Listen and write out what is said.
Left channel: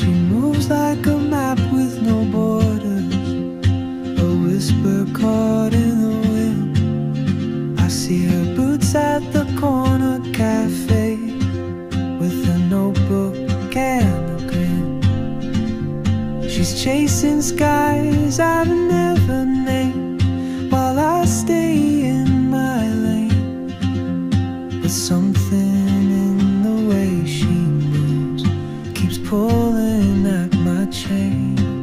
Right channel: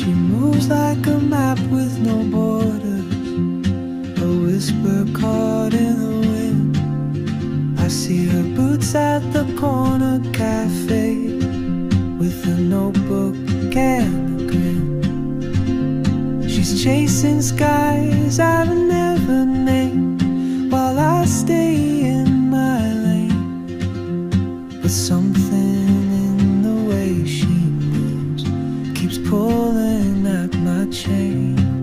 She moves like a map with no borders, a whisper caught in the wind. I see her boots at the corner cafe, with a notebook and a grin. She's chasing skies I've never named, while I stay in my lane. But something in the way she moves keeps pulling at my chain.